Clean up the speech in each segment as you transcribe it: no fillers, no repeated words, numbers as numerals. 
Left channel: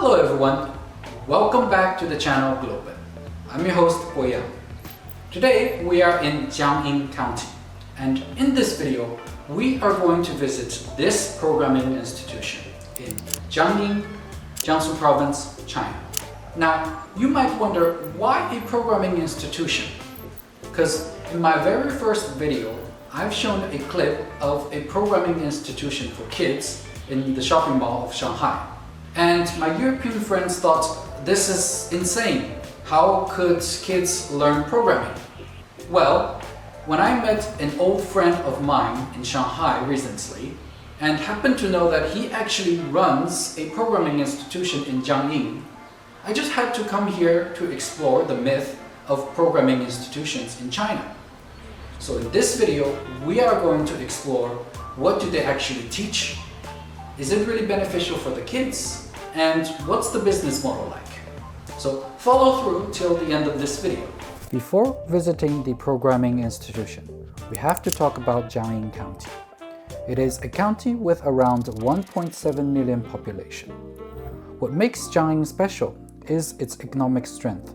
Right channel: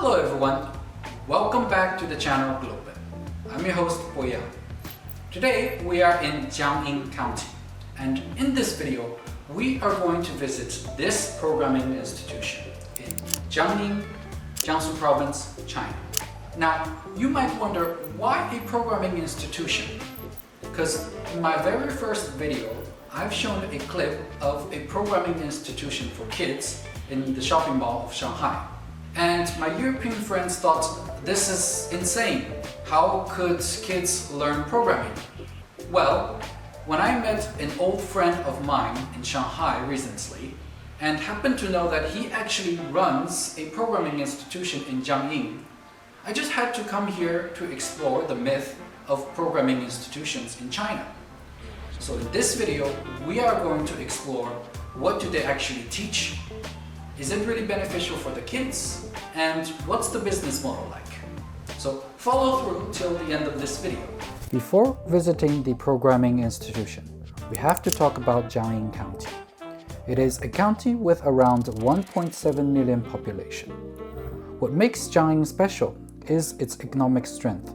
Hello everyone, welcome back to the channel Globen. I'm your host Boyan. Today we are in Jiangyin County, and in this video we are going to visit this programming institution in Jiangyin, Jiangsu Province, China. Now you might wonder, why a programming institution? Because in my very first video I've shown a clip of a programming institution for kids in the shopping mall of Shanghai. And my European friends thought, this is insane. How could kids learn programming? Well, when I met an old friend of mine in Shanghai recently, and happened to know that he actually runs a programming institution in Jiangyin, I just had to come here to explore the myth of programming institutions in China. So in this video, we are going to explore, what do they actually teach? Is it really beneficial for the kids? And what's the business model like? So follow through till the end of this video. Before visiting the programming institution, we have to talk about Jiangyin County. It is a county with around 1.7 million population. What makes Jiangyin special is its economic strength.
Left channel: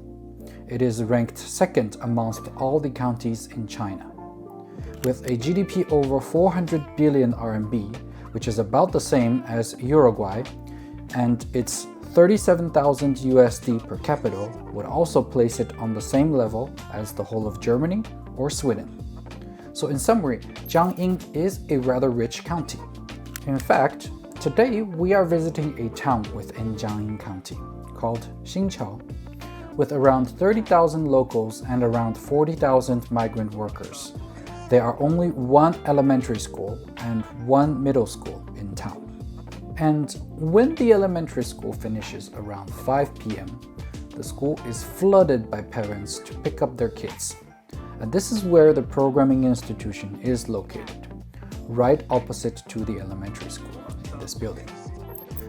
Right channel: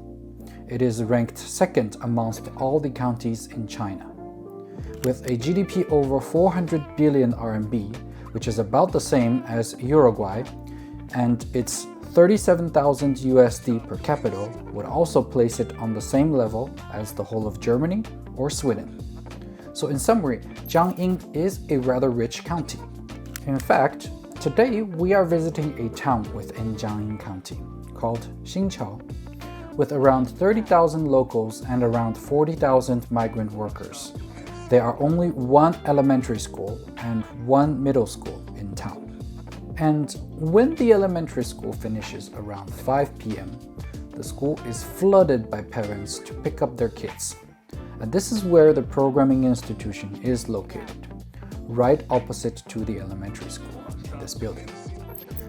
It is ranked second amongst all the counties in China. With a GDP over 400 billion RMB, which is about the same as Uruguay, and its 37,000 USD per capita would also place it on the same level as the whole of Germany or Sweden. So in summary, Jiangyin is a rather rich county. In fact, today we are visiting a town within Jiangyin County called Xinqiao, with around 30,000 locals and around 40,000 migrant workers. There are only one elementary school and one middle school in town. And when the elementary school finishes around 5 p.m., the school is flooded by parents to pick up their kids. And this is where the programming institution is located, right opposite to the elementary school in this building.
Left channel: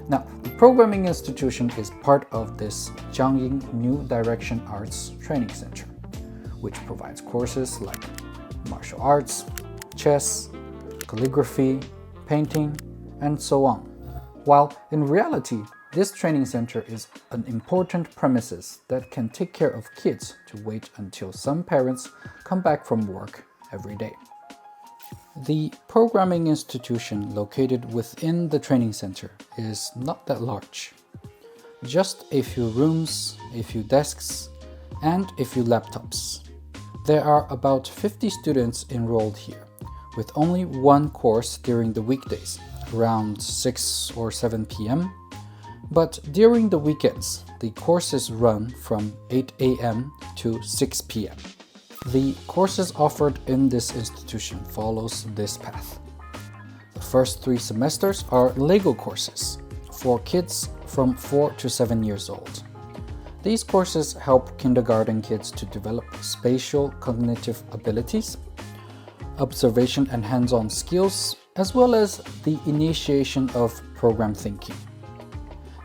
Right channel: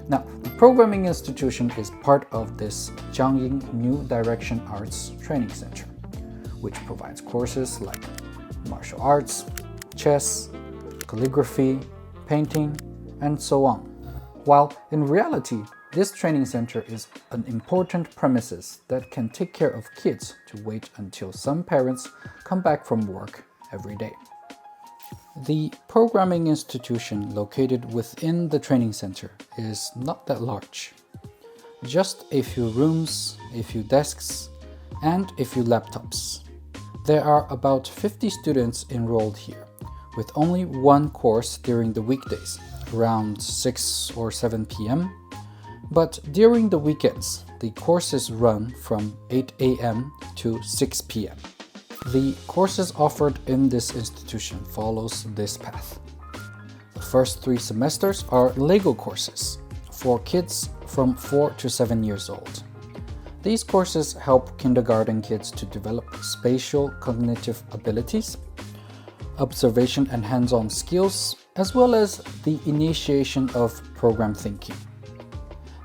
Now, the programming institution is part of this Jiangyin New Direction Arts Training Center, which provides courses like martial arts, chess, calligraphy, painting, and so on. While in reality, this training center is an important premises that can take care of kids to wait until some parents come back from work every day. The programming institution located within the training center is not that large. Just a few rooms, a few desks, and a few laptops. There are about 50 students enrolled here, with only one course during the weekdays, around 6 or 7 p.m. But during the weekends, the courses run from 8 a.m. to 6 p.m. The courses offered in this institution follows this path. The first 3 semesters are Lego courses for kids from 4 to 7 years old. These courses help kindergarten kids to develop spatial cognitive abilities, observation and hands-on skills, as well as the initiation of program thinking.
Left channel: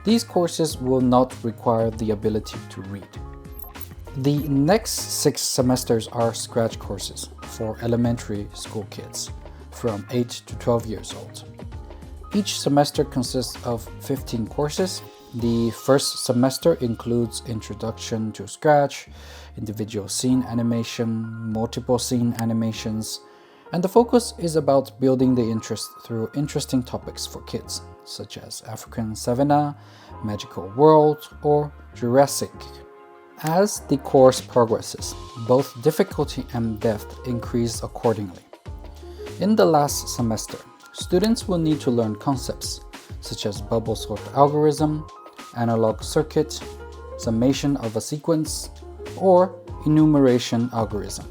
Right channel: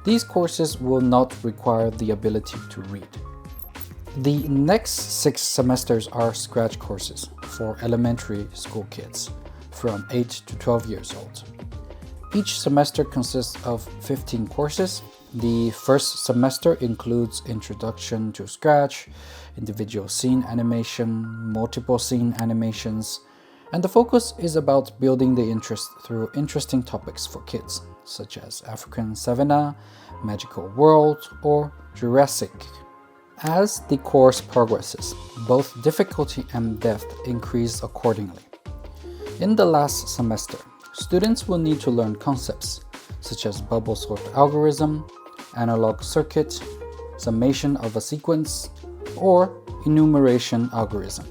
These courses will not require the ability to read. The next 6 semesters are Scratch courses for elementary school kids from 8 to 12 years old. Each semester consists of 15 courses. The first semester includes Introduction to Scratch, individual scene animation, multiple scene animations, and the focus is about building the interest through interesting topics for kids, such as African Savanna, Magical World, or Jurassic. As the course progresses, both difficulty and depth increase accordingly. In the last semester, students will need to learn concepts such as bubble sort algorithm, analog circuit, summation of a sequence, or enumeration algorithm.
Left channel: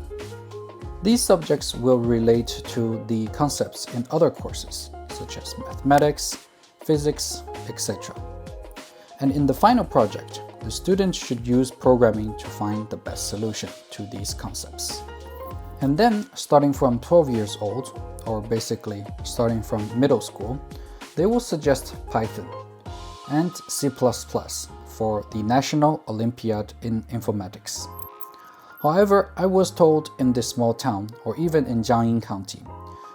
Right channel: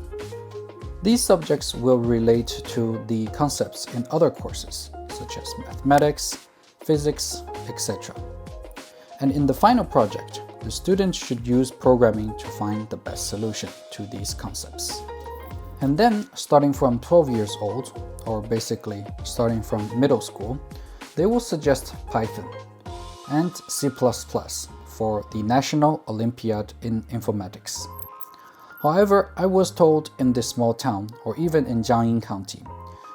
These subjects will relate to the concepts in other courses, such as mathematics, physics, etc. And in the final project, the students should use programming to find the best solution to these concepts. And then, starting from 12 years old, or basically starting from middle school, they will suggest Python and C++ for the National Olympiad in Informatics. However, I was told in this small town, or even in Jiangyin County,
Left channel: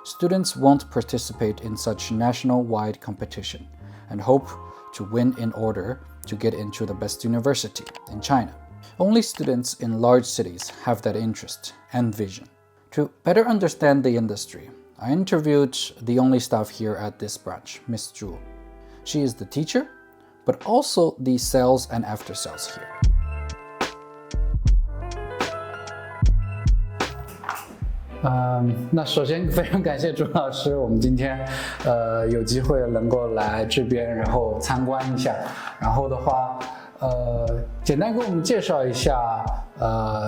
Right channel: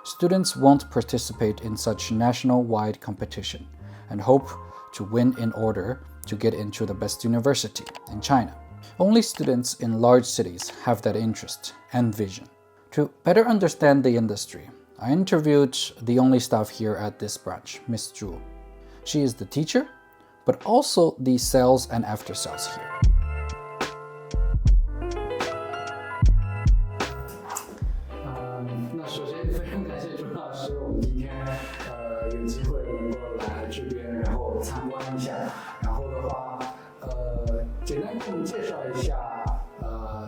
students won't participate in such national-wide competition and hope to win in order to get into the best university in China. Only students in large cities have that interest and vision. To better understand the industry, I interviewed the only staff here at this branch, Miss Zhu. She is the teacher, but also the sales and after sales here. 那首先非常感谢朱老师，我们今天有机会能够来这边，然后参观一下。然后的话，简单给我们介绍一下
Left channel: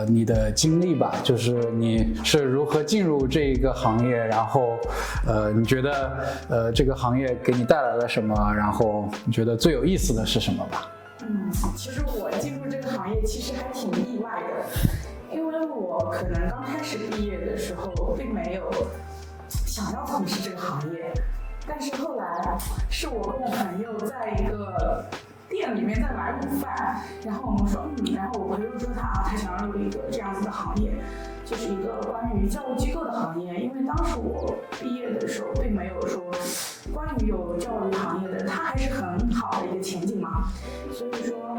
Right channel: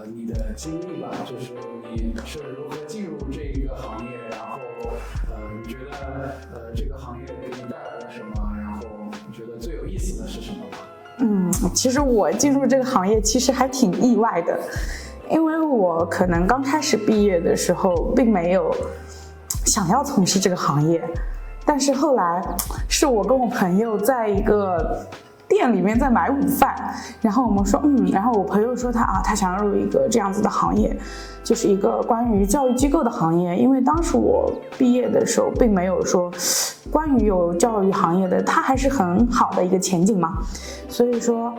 你的经历吧，就是你是如何进入这一个行业，然后你觉得这个行业给你带来了什么，然后你觉得最有意思的是什么吧？其实我进入这个行业其实还挺意外的。因为我可能刚开始毕业的时候并没有想要从事这个行业，但是后来是我跟我朋友在一个店里面在买午饭，然后我们说然后我朋友说他想要入一个这样子的行业，就是一个关于教育机构的行业。因为当时我毕业的时候并没有说关于有教育行业的它还是很好的一个前景嘛，所以说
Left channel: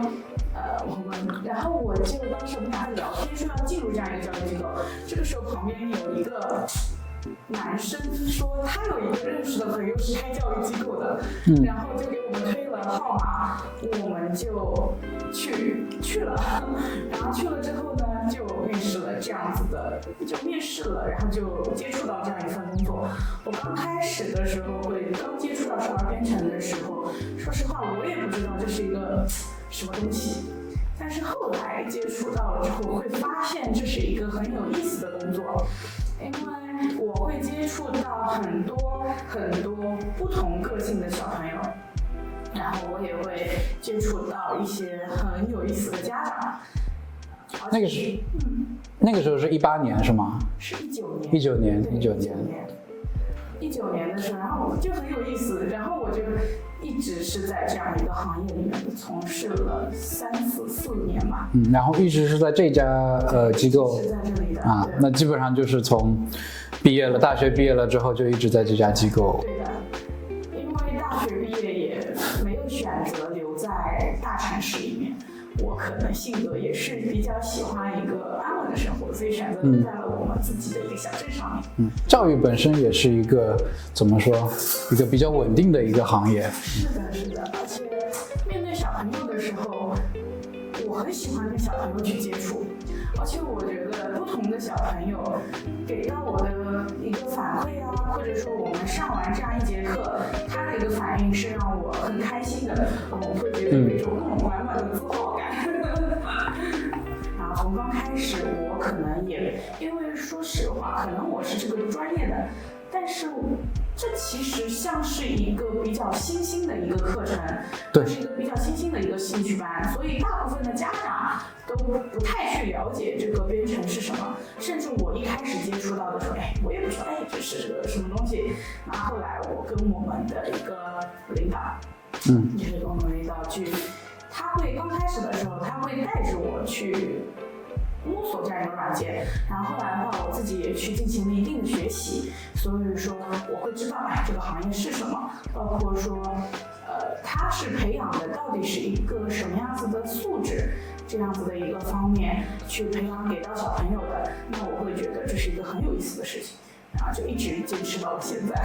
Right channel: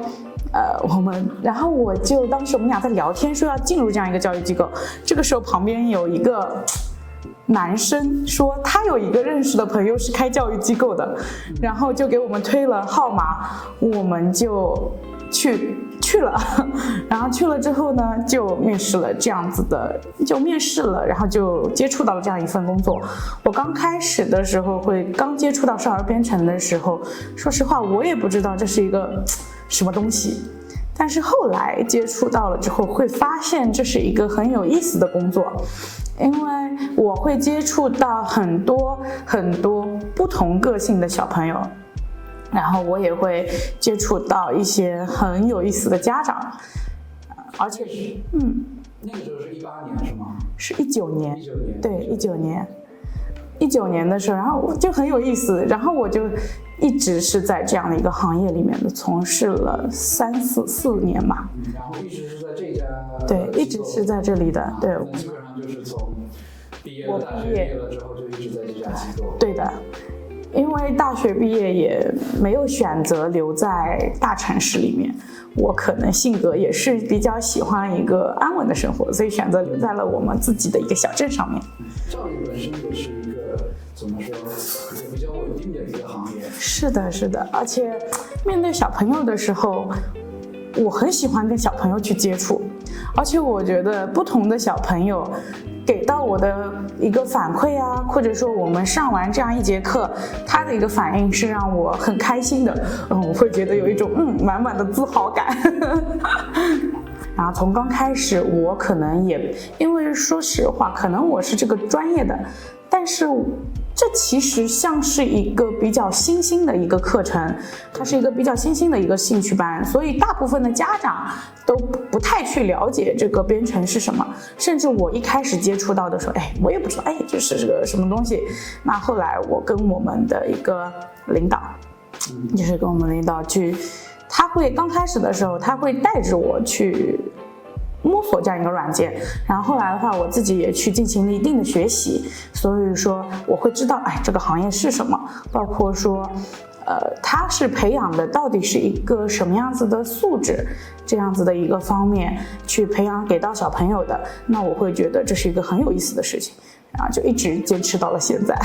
然后当时我们俩在聊天说要进入这样一个教育机构，这个时候旁边有一个男生说他有一个认识的朋友是开教育机构的，然后就给我们推了号码，我们就去了，然后去了之后呢，就面试了，然后就接触到了这样一份工作。我刚开始的时候刚接触到少儿编程的时候，说实话我也不知道这是一个什么东西，但是后来接触到了之后会发现这是一个很有意思的工作，因为我会接触到很多不同个性的小朋友，然后我也会接触到一些很有意思的家长，而且那个时候是18年是吗？是19年。19年，对，19年的时候，然后就很有意思，然后我就一直是在这样的一个行业里面的从事了4年吧。然后一直是在这家机构，一直是在这里的。对，那基本上就是从大学毕业了之后就一直在这家机构。对的。因为大学毕业也没有选择留在大城市里面，我可能性格也是比较喜欢一个安稳的生活，所以选择留在了我们自己的一个小镇上面。教育本身也是一个怎么说，一个比较稳定的一个行业。是的，而且面对小朋友的时候，我很喜欢跟小朋友去接触，而且我觉得不同的小朋友给到我的一个反馈啊，或者说我们上完这样一节课，他的一个反应是让我很开心的，我会觉得有一种满满的自豪感。然后从刚开始，我可能也因为说实话，可能我是这个专业的，但是这其实像是一个比较新兴的一个课程，它是一个比较新兴的一个兴趣班，所以大部分的家长都不太去了解这个编程是什么，甚至我一开始接触到的时候，我也不知道，这是个什么东西。那后来我跟我们的一个领导，就是跟我们领导去，他会刚开始的时候，他会带着我去摸索这样一个软件，然后后来的话我自己也去进行了一定的学习，所以说我会知道这个行业是什么，包括说它是培养的到底是一个什么样子的素质，这样子的一个方面去培养给到小朋友的，那我会觉得这是一个很有意思的事情，然后就一直坚持到了现在。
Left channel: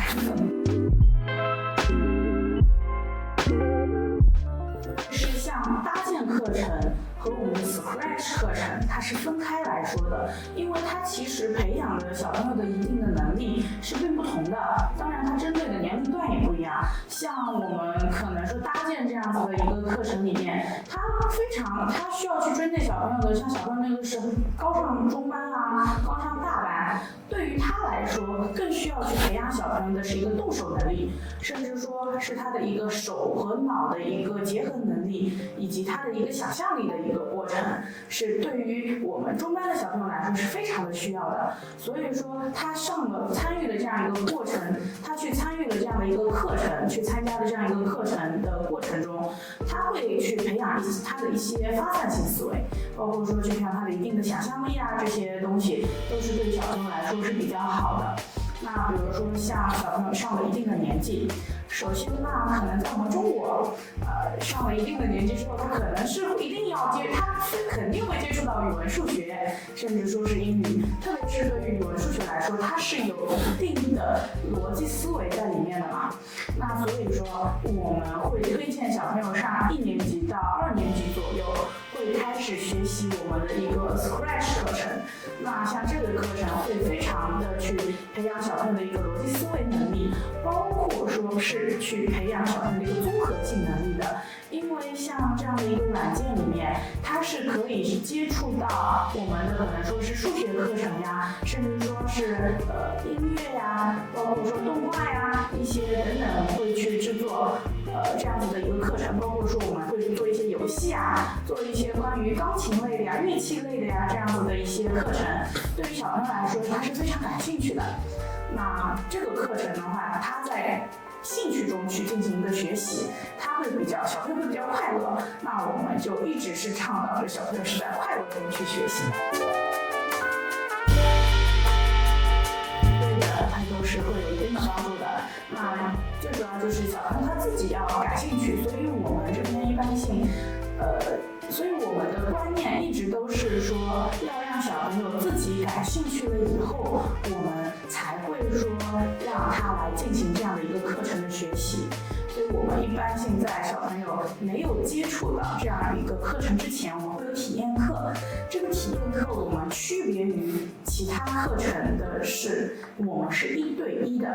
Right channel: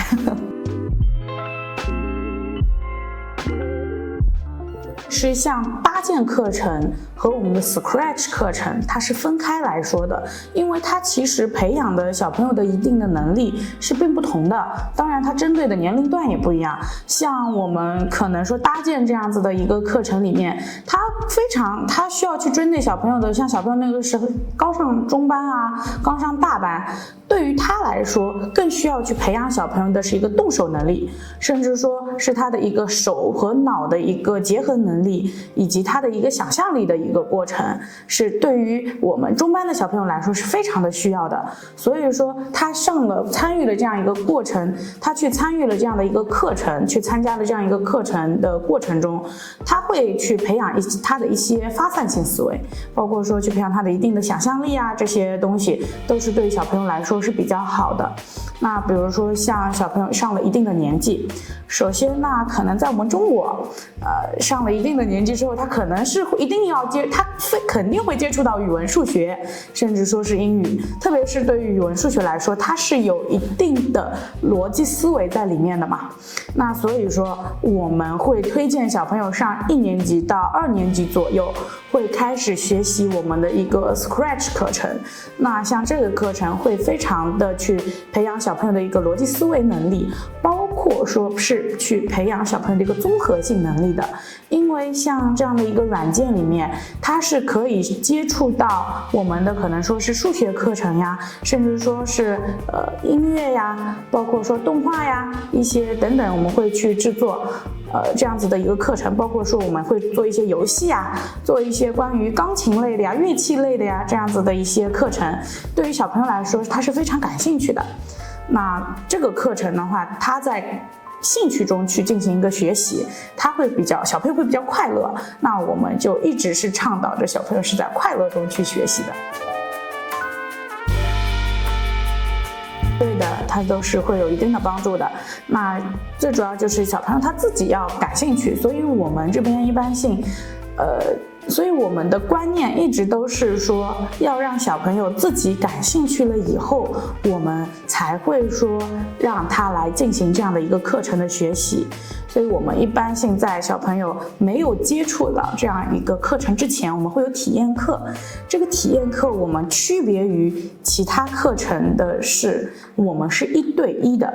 是像搭建课程和我们的 Scratch 课程它是分开来说的，因为它其实培养的小朋友的一定的能力是并不同的，当然它针对的年龄段也不一样。像我们可能说搭建这样子的一个课程里面，它需要去针对小朋友的，像小朋友那个时候刚上中班啊，刚上大班，对于他来说更需要去培养小朋友的是一个动手能力，甚至说是他的一个手和脑的一个结合能力，以及他的一个想象力的一个过程，是对于我们中班的小朋友来说是非常的需要的。所以说他参与了这样一个过程，他去参与了这样的一个课程，去参加了这样一个课程的过程中，他会去培养他的一些发散性思维，包括说去培养他的一定的想象力啊，这些东西都是对于小朋友来说是比较好的。那比如说像小朋友上了一定的年纪，首先那可能在我们中国，上了一定的年纪之后，他可能是一定要他肯定会接触到语文、数学，甚至说是英语。特别是对于语文、数学来说，它是有一定的逻辑思维在里面的嘛。那所以说，我们会推荐小朋友上1年级到2年级左右，会开始学习我们的一个 Scratch 课程。那像这个课程会非常的去培养小朋友的一个逻辑思维能力，包括说是去培养小朋友的一个综合性能力的。因为像这样的一个软件里面，它是可以接触到我们的可能说是数学课程呀，甚至说是音乐呀，包括说动画呀，一些等等，我们会去制作这样子的一个课程，包括说我们会做一些游戏啊，做一些关于钢琴类的呀、乐器类的呀这样子的一些课程，对于小朋友来说他是非常感兴趣的。那这个课程的话，他在兴趣中去进行一个学习，小朋友会比较快乐。那我们就一直是倡导着小朋友是在快乐中去学习的。对的，它都是会有一定的帮助的。那最主要就是小朋友他自己要感兴趣，所以我们这边一般性，所以我们的观念一直都是说，要让小朋友自己感兴趣了以后，我们才会说让他来进行这样的一个课程的学习。所以我们一般性在小朋友没有接触到这样一个课程之前，我们会有体验课。这个体验课我们区别于其他课程的是，我们是1对1的，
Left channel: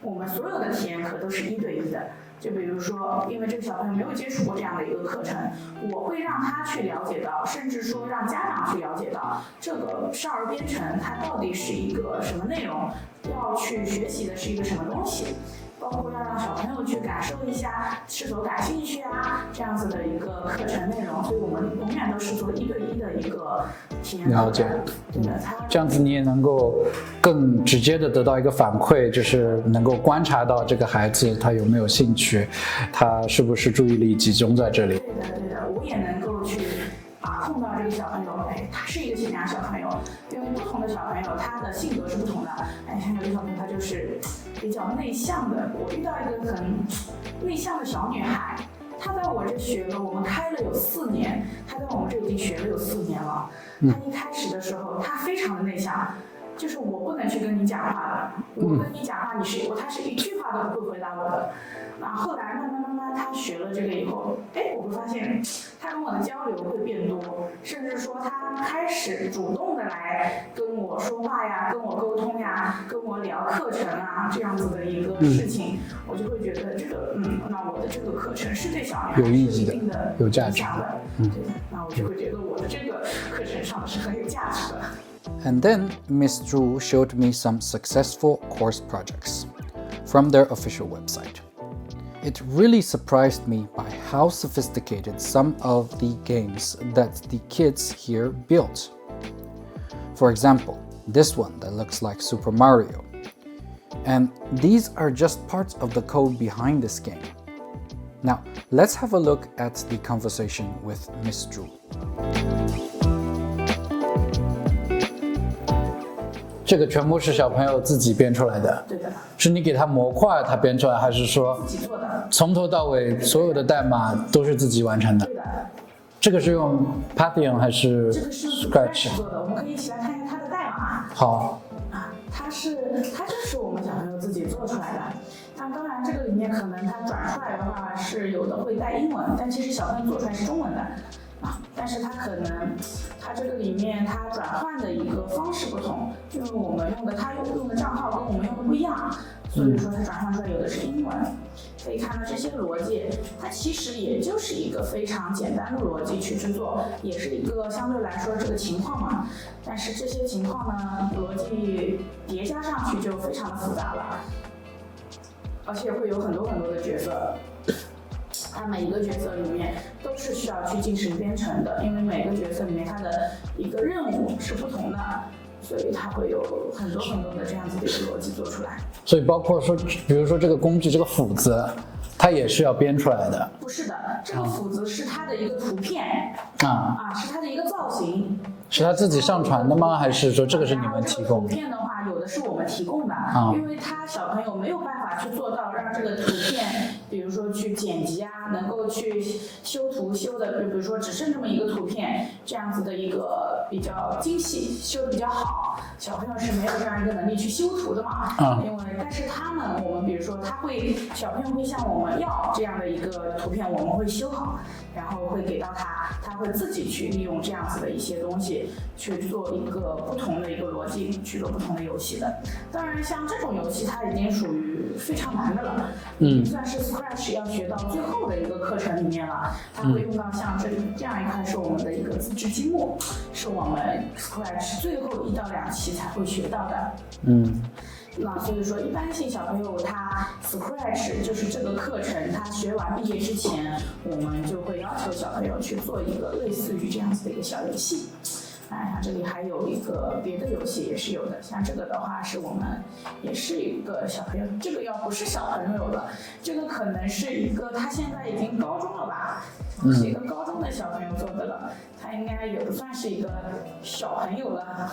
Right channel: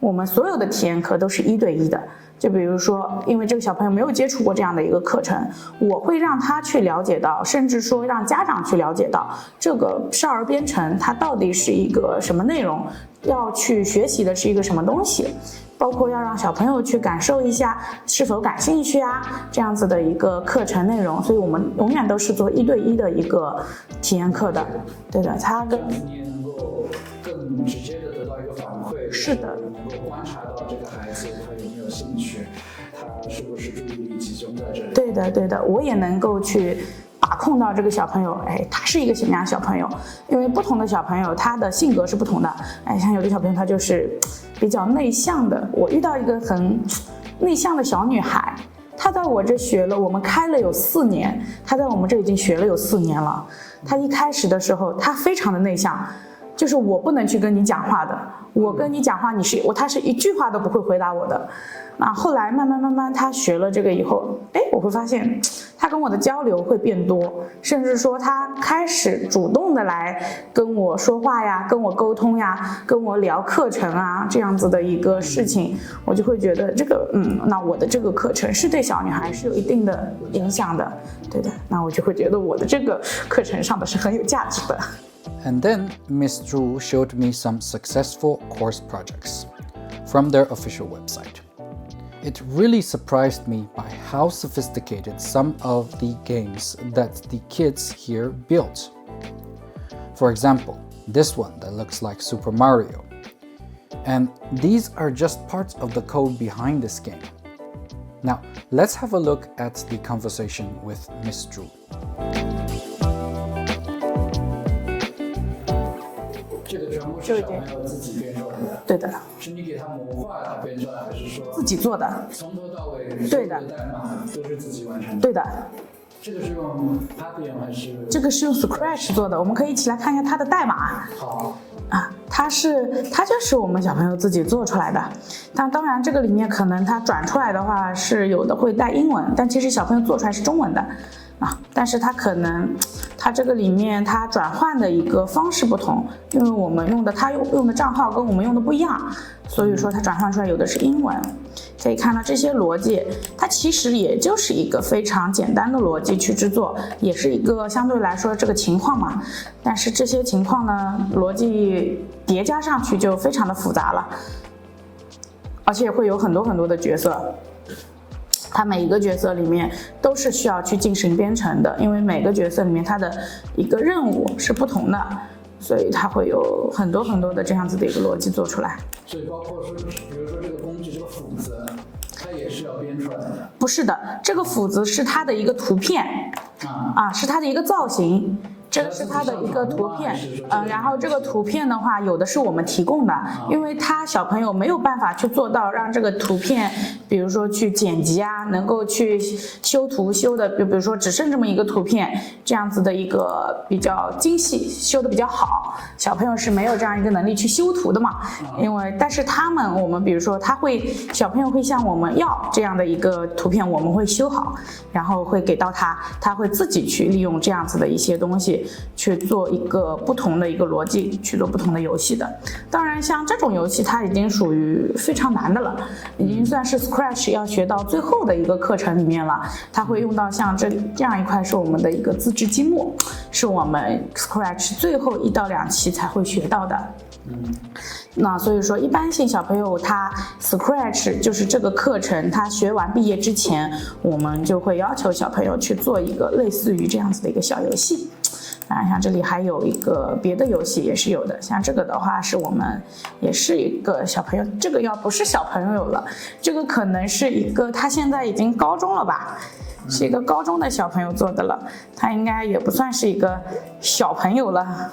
我们所有的体验课都是1对1的。就比如说，因为这个小朋友没有接触过这样的一个课程，我会让他去了解到，甚至说让家长去了解到这个少儿编程它到底是一个什么内容，要去学习的是一个什么东西，包括要让小朋友去感受一下是否感兴趣啊，这样子的一个课程内容。所以我们永远都是做1对1的一个体验课的。对的，这样子你也能够更直接的得到一个反馈，就是能够观察到这个孩子他有没有兴趣，他是不是注意力集中在这里。对的，对的，我也能够去把控到这个小朋友，他是一个什么样的小朋友？因为不同的小朋友他的性格是不同的，像有的小朋友他就是比较内向的。我遇到一个很内向的小女孩，她在我这学了，我们开了有4年，她在我们这已经学了有4年了。她一开始的时候，她非常的内向，就是我不能去跟你讲话的，我跟你讲话，她是一句话都不会回答我的。那后来慢慢她学了这个以后，我会发现她跟我的交流会变多，甚至说她开始主动的来跟我说话呀，跟我沟通呀，跟我聊课程啊，这样子的一个事情，我就会觉得这个那我的这个课程是对小女孩是有一定的影响的。对的，那我就会觉得我的这个课程上的是很有价值的。And then Ms. Zhu showed me some successful course projects from their official website. It really surprised me by how sophisticated some of the games that the kids here built. For example, this one that looks like Super Mario. And these are just parts of the code behind this game. Now, let's have a look at the conversation with Ms. Zhu. 这个全部是小朋友自己编出来的。对的。是你给他模块他编出来，还是说自己做的？从头到尾所有的代码都是自己完成的。对的。这个是用 Python 还是？这个是用 Scratch 做的，我们可以一起来看一下它的代码。好。它就是我们小朋友自己做出来的。当然这个里面可能它转出来的话是有的会带英文，但其实小朋友做出来是中文的。但是它这个里面它转换的一个方式不同，因为我们他用的账号跟我们用的不一样，所以说它转换出来有的是英文。可以看到这些逻辑，它其实也就是一个非常简单的逻辑去制作，也是一个相对来说这个情况嘛。但是这些情况呢，逻辑叠加上去就非常的复杂了，而且会有很多的角色。它每一个角色里面都是需要去进行编程的，因为每个角色里面它的一个任务是不同的，所以它会有很多的这样子的一个逻辑做出来。所以包括说，比如说这个工具这个斧子，它也是要编出来的？不是的，这个斧子是它的一个图片是它的一个造型。是他自己上传的吗？还是说这个是你们然后这个图片的话，有的是我们提供的，因为他小朋友没有办法去做到让这个图片，比如说去剪辑啊，能够去修图修的，比如说只剩这么一个图片，这样子的一个比较精细，修的比较好，小朋友是没有这样一个能力去修图的嘛。因为但是我们比如说小朋友会向我们要这样的一个图片，我们会修好，然后会给到他会自己去利用这样子的一些东西去做一个不同的一个逻辑，去做不同的游戏的。当然像这种游戏它已经属于非常难的了，已经算是 Scratch 要学到最后的一个课程里面了。它会用到像这样一块是我们的一个自制积木，是我们 Scratch 最后1到2期才会学到的。那所以说一般性小朋友他 Scratch 就是这个课程他学完毕业之前，我们就会要求小朋友去做一个类似于这样子的一个小游戏。像这里还有一个别的游戏也是有的，像这个的话是我们也是一个小朋友，这个要不是小朋友了，这个可能是一个他现在已经高中了吧，是一个高中的小朋友做的了，他应该也不算是一个小朋友了。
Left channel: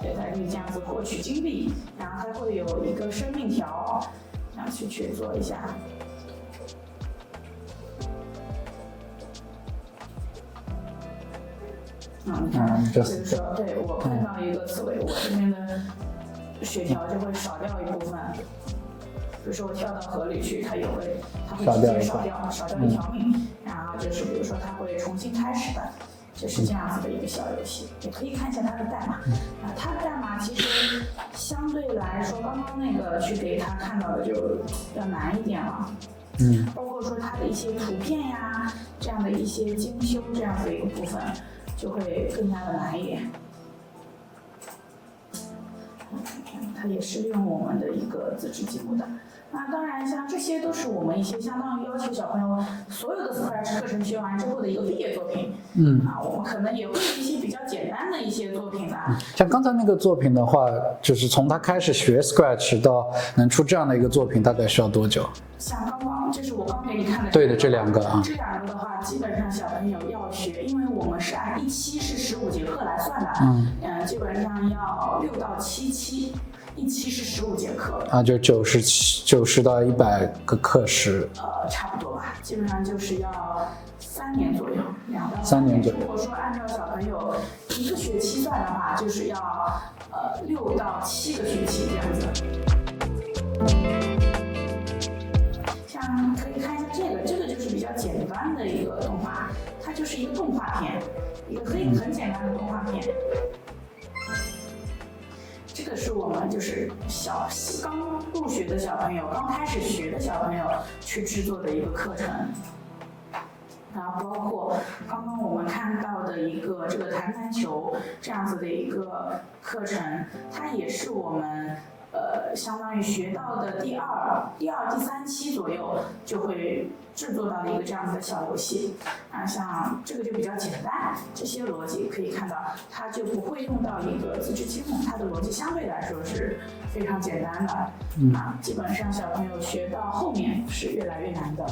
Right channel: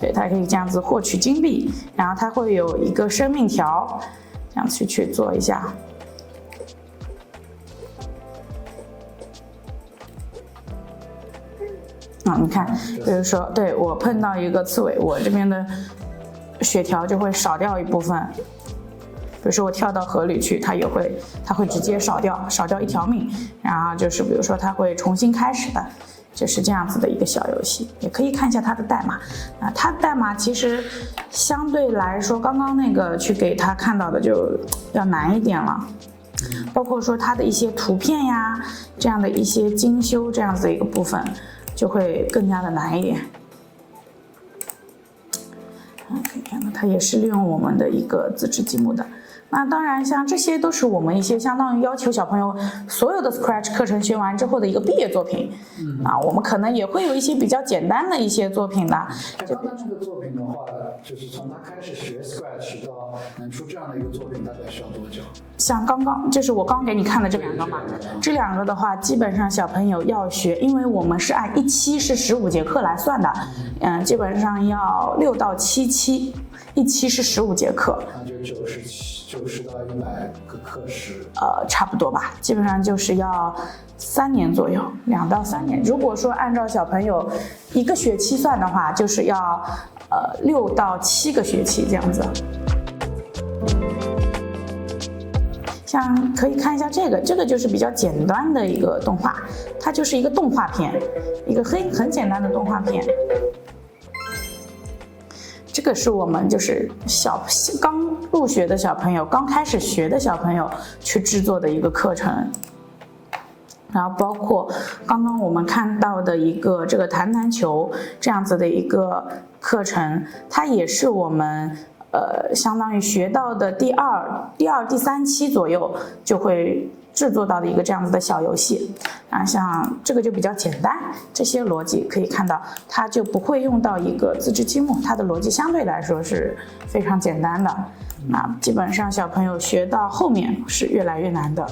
对，它可以这样子获取金币，然后它会有一个生命条，这样去做一下。你看，比如说，对我碰到一个刺猬，我这边的血条就会少掉一部分。比如说我跳到河里去，它会直接少掉1条命，然后就是比如说它会重新开始的。这是这样子的一个小游戏，也可以看一下它的代码。它的代码其实相对来说，刚刚那个去给他看到的就要难一点了。包括说它的一些图片呀，这样的一些精修这样子的一个部分，就会更加的难一点。可以看到它也是利用我们的一个自制积木的。那当然，像这些都是我们一些相当于要求小朋友所有的 Scratch 课程学完之后的一个毕业作品。我们可能也会有一些比较简单的一些作品的。像刚才那个作品的话，就是从他开始学 Scratch 到能出这样的一个作品，大概需要多久？像刚刚这是我刚给你看的这两个。对的，这两个啊。这两个的话，基本上小朋友要学，因为我们是按1期是15节课来算的。基本上要6到7期。1期是15节课，就90到100个课时，差不多吧，基本上就是要3年左右，2到3年。如果说按照小朋友1个学期算的话，就是要6到7个学期这样子。像可以看一下这个就是比较简单的一个动画，它就是一个动画片，一个很简单的动画片。这个是我们就是刚入学的小朋友，刚开始学的小朋友去制作的一个课程。然后包括刚刚我们看到的一个这个弹弹球这样子的一个课程，它也是我们相当于学到的第二、第3期左右就会制作到的一个这样子的小游戏。像这个就比较简单，这些逻辑可以看到，它就不会用到一个自制积木，它的逻辑相对来说是非常简单的。基本上小朋友学到后面是越来越难的。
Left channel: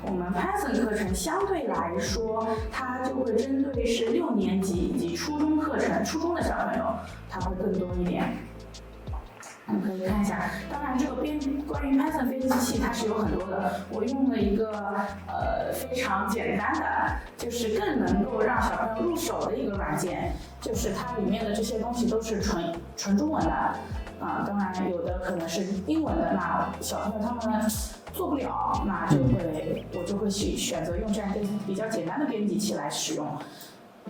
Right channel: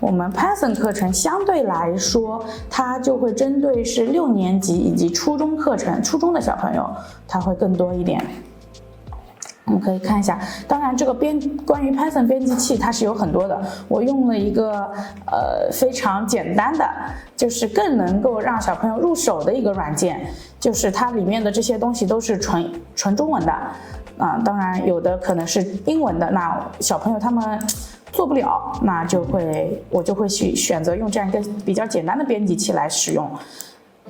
我们 Python 课程相对来说，它就会针对是6年级以及初中课程，初中的小朋友，它会更多一点。我们可以看一下，当然这个关于 Python 编辑器它是有很多的，我用了一个非常简单的，就是更能够让小朋友入手的一个软件，就是它里面的这些东西都是纯中文的。当然有的可能是英文的，那小朋友他们做不了，那我就会去选择用这样一个比较简单的编辑器来使用。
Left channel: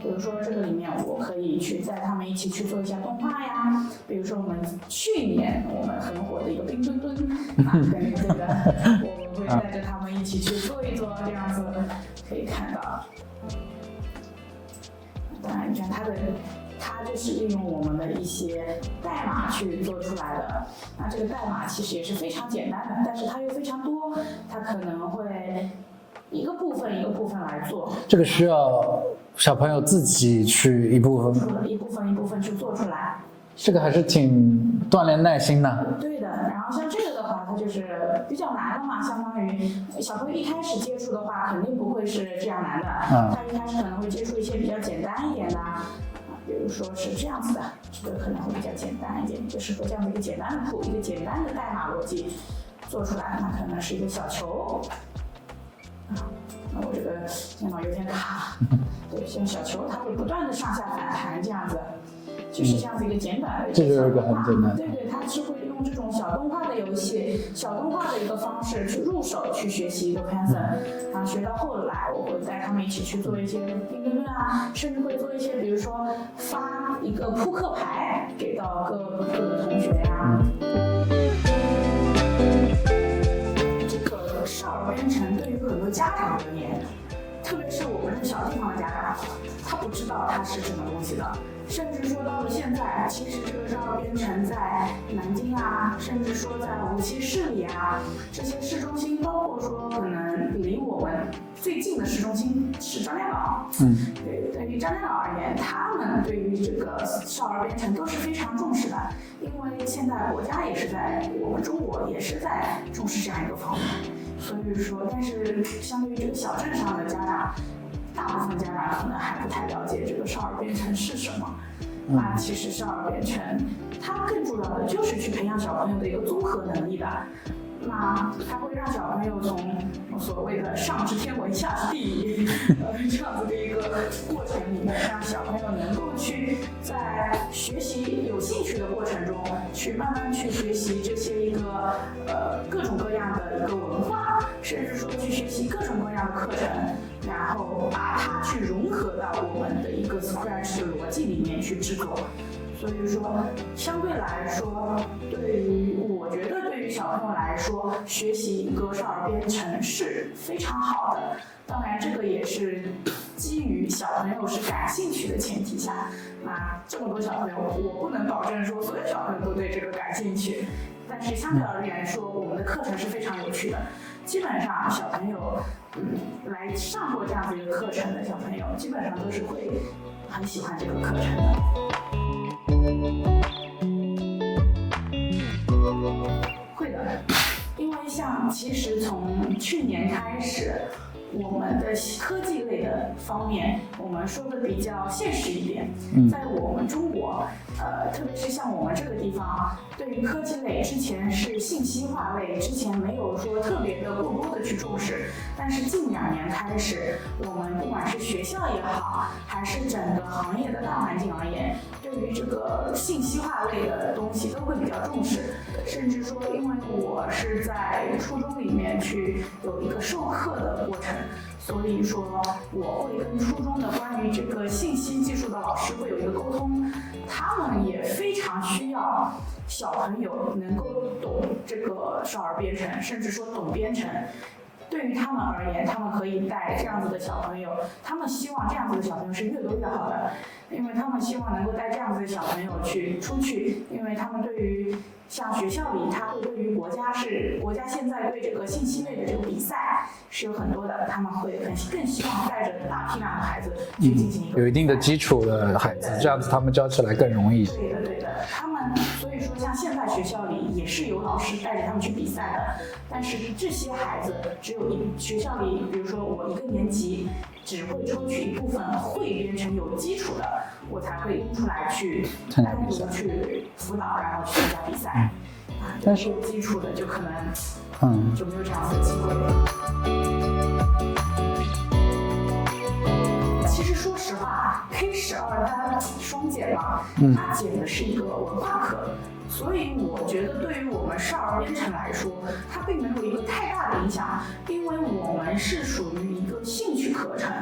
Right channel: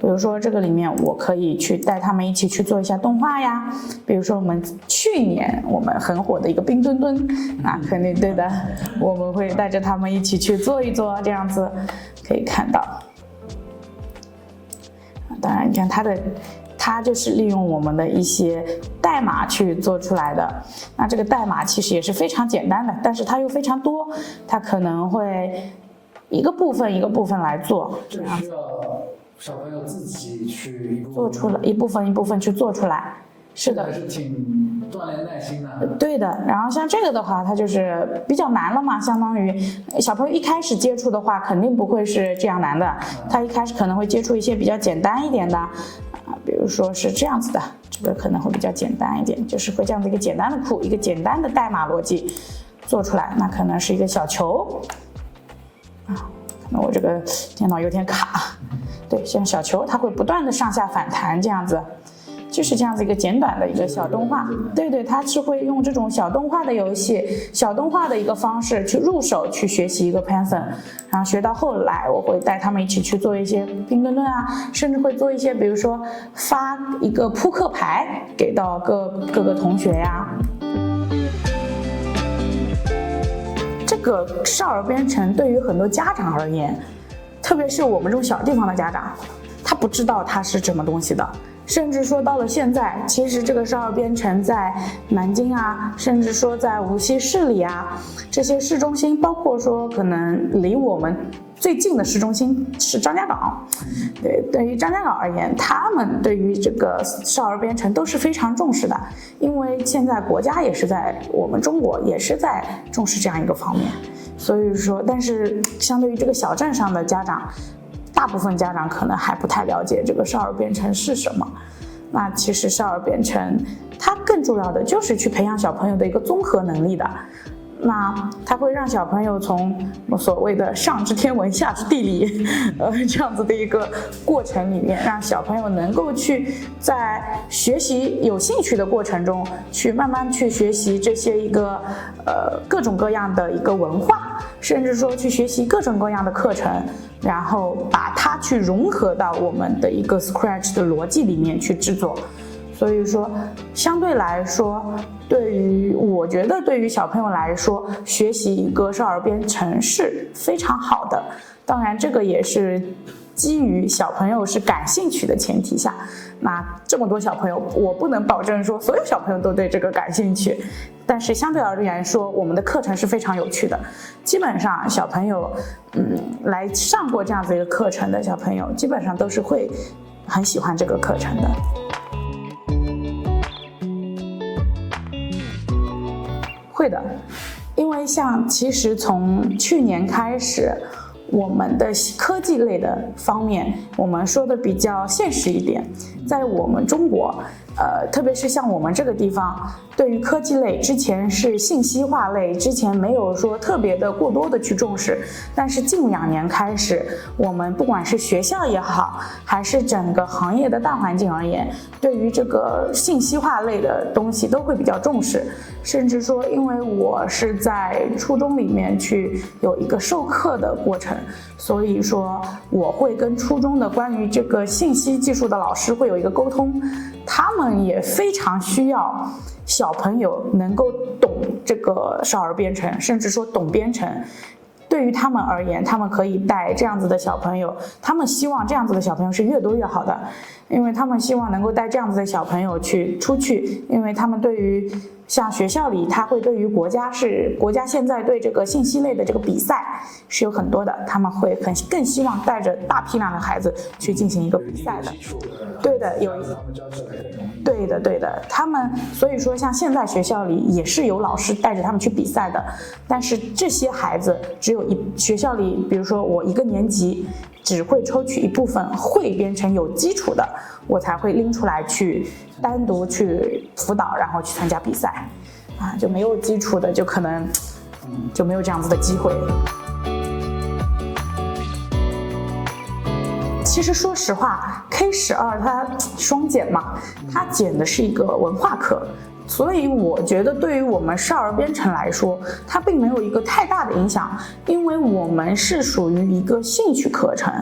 比如说这个里面我可以去带他们一起去做一下动画呀，比如说我们去年我们很火的一个冰墩墩，肯定对的，我们会带着他们一起去做一做，这样子可以看到。当然你看它就是利用我们的一些代码去做出来的。那这个代码其实也是非常简单的，但是它又非常多，它可能会一个部分一个部分来做。这个需要小朋友自己去一部分一部分去做出来。这个还是挺锻炼耐心的。对的，然后像这个的话，它就是比较难了嘛，相当于小朋友一开始接触的话，肯定不会是这样难的。他一开始可能会接触一些比较简单一点的，比如说是这样子的，这个可能会比较简单一点，就是会这样的一个简单的库，一个简单的代码逻辑做出来，那可能是一个小球。那我这个电脑有点卡，对，像小球，它会不断的上下反弹这样子。就是这样子一个简短的一个小动画，对，它是会用这种小动画的游戏、小动画的一个方式去入手去学习一个 Python， 然后学到后来，我会带他们一起去做一些拼顿顿啊，甚至会做一些，比如说发一个扑克牌给到各个同学呀。这个少儿编程对于很多家长而言，特别是我们这种小地方的家长，他不知道它是什么东西的。甚至说到了现在，其实这个少儿编程在南京啊，甚至说在无锡市里啊，这些市中心，包括说可能离我们最近的市中心是张家港。对于张家港而言，他们对于这个少儿编程都是非常重视的，因为现在国家也是在我们中国也是在重视这样一个方面。所以说，但是相对于这个小镇上的家长，大部分家长可能还不太了解这个少儿编程是什么。那其实少儿编程它更重要的就是去培养小朋友的一个综合能力的。那它会让小朋友从所谓的上知天文下知地理这样子的一个过程里面，让小朋友能够去在学习有兴趣的过程中去慢慢去学习这些一个各种各样的一个文化，甚至说去学习各种各样的课程，然后把它去融合到我们的一个 Scratch 的逻辑里面去制作。所以说，相对来说，我觉得对于小朋友来说，学习一个少儿编程是非常好的。当然，这个也是基于小朋友是感兴趣的前提下。那这么多小朋友，我不能保证说所有小朋友都对这个感兴趣，但是相对而言说，我们的课程是非常有趣的。基本上小朋友，来上过这样子一个课程的小朋友，基本上都是会很喜欢这个课程的。会的，因为其实从去年开始，我们的科技类的方面，我们说的比较现实一点，在我们中国，特别是像我们这个地方，对于科技类之前是信息化类，之前没有说特别的过多的去重视，但是近2年开始，我们不管是学校也好，还是整个行业的大环境而言，对于这个信息化类的东西都会比较重视。甚至说，因为我是在初中里面去有一个授课的过程，所以说我会跟初中的关于这个信息技术的老师会有一个沟通，他们也非常需要小朋友能够懂这个少儿编程，甚至说懂编程。对于他们而言，他们可以带这样子的小朋友，他们希望这样子的小朋友是越多越好的，因为他们希望能够带这样子的小朋友出去，因为他们对于像学校里，他会对于国家现在对这个信息类的这个比赛是有很多的，他们会更希望带着大批量的孩子去进行一个比赛，有一定的基础的孩子，这样子他们教起来更容易。对的，他们所以说像现在学校里也是有老师带着他们去比赛的，但是这些孩子只有学校里，比如说我1个年级只会抽取一部分会编程有基础的，我才会拎出来去单独去辅导，然后去参加比赛。就没有基础的就可能就没有这样子的机会。其实说实话 ，K12它双减嘛，它减的是一个文化课。所以我觉得对于我们少儿编程来说，它并没有一个太大的影响，因为我们是属于一个兴趣课程，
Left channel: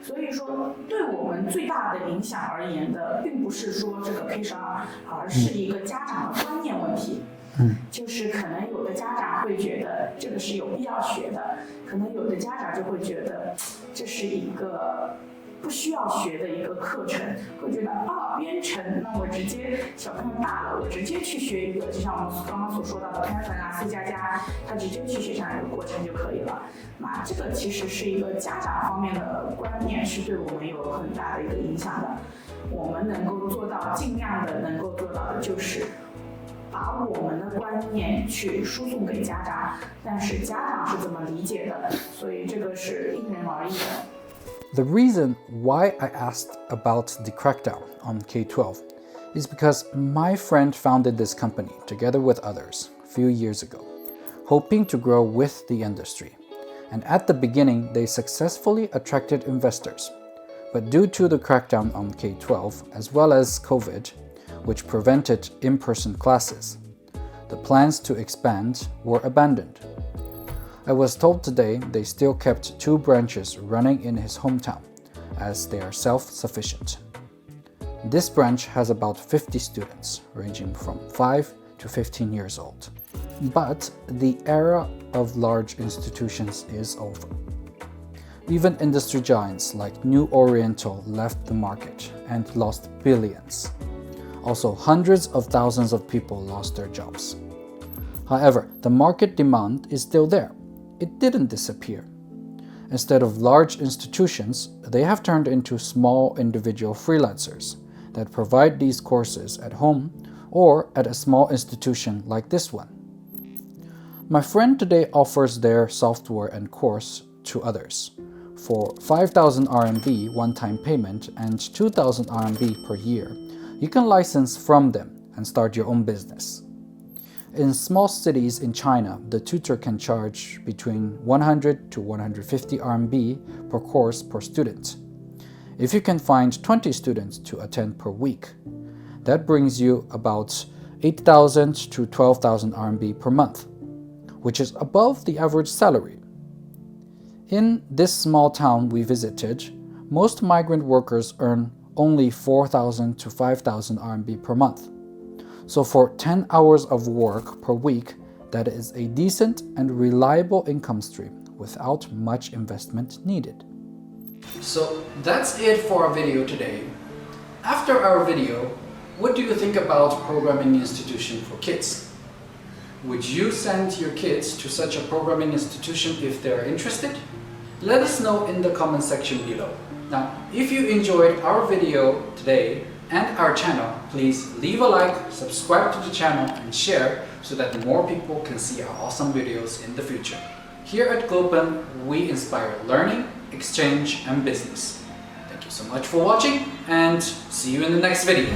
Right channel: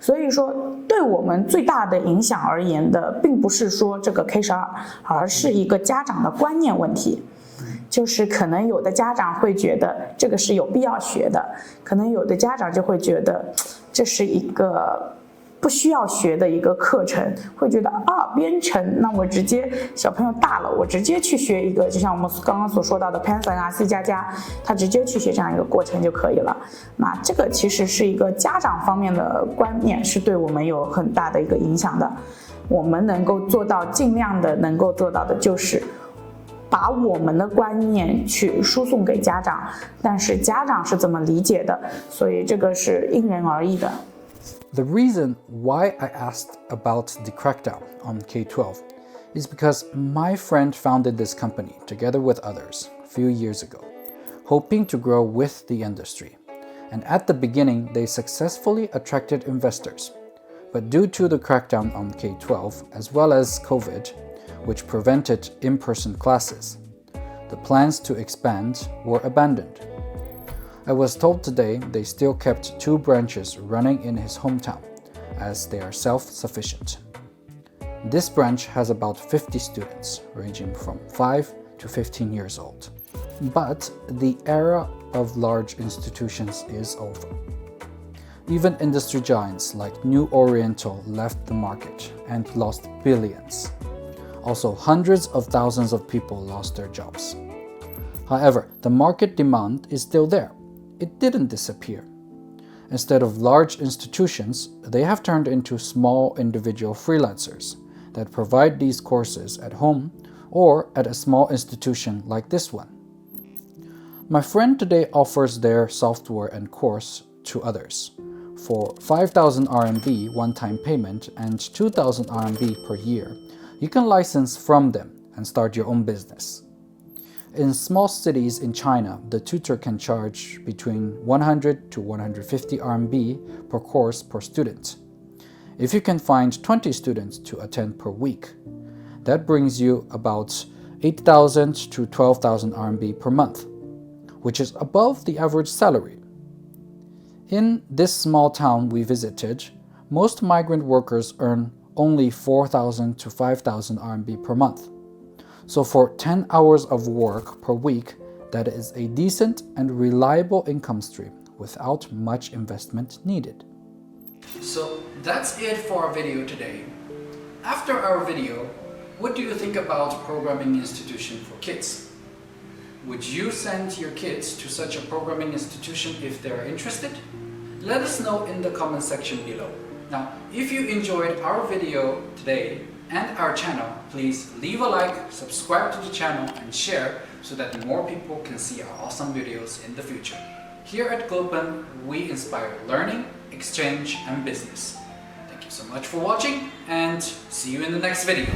所以说对我们最大的影响而言的，并不是说这个 K12，而是一个家长的观念问题。就是可能有的家长会觉得这个是有必要学的，可能有的家长就会觉得这是一个不需要学的一个课程，会觉得编程，那我直接小朋友大了，我直接去学一个，就像我们刚刚所说到的 Python 啊 C++，他直接去学这样一个过程就可以了。那这个其实是一个家长方面的观念，是对我们有很大的一个影响的。我们能够做到，尽量的能够做到的就是把我们的观念去输送给家长，但是家长是怎么理解的，所以这个是因人而异的。The reason why I asked about the crackdown on K-12 is because my friend founded this company together with others a few years ago, hoping to grow with the industry. And at the beginning, they successfully attracted investors. But due to the crackdown on K-12, as well as COVID, which prevented in-person classes, the plans to expand were abandoned. I was told today they still kept 2 branches running in his hometown, as they are self-sufficient. This branch has about 50 students, ranging from 5 to 15 years old. But the era of large institutions is over. Even industry giants like New Oriental left the market and lost billions. Also, hundreds of thousands of people lost their jobs. However, the market demand is still there. It didn't disappear. Instead of large institutions, they have turned into small individual freelancers that provide these courses at home or at a small institution like this one. My friend today offers their software and course to others. For 5,000 RMB one-time payment and 2,000 RMB per year, you can license from them and start your own business. In small cities in China, the tutor can charge between 100 to 150 RMB per course per student. If you can find 20 students to attend per week, that brings you about 8,000 to 12,000 RMB per month, which is above the average salary. In this small town we visited, most migrant workers earn only 4,000 to 5,000 RMB per month. So for 10 hours of work per week, that is a decent and reliable income stream without much investment needed. So that's it for our video today. After our video, what do you think about programming institution for kids? Would you send your kids to such a programming institution if they're interested? Let us know in the comment section below. Now, if you enjoyed our video today and our channel, please leave a like, subscribe to the channel and share so that more people can see our awesome videos in the future. Here at Glopen, we inspire learning, exchange and business. Thank you so much for watching and see you in the next video.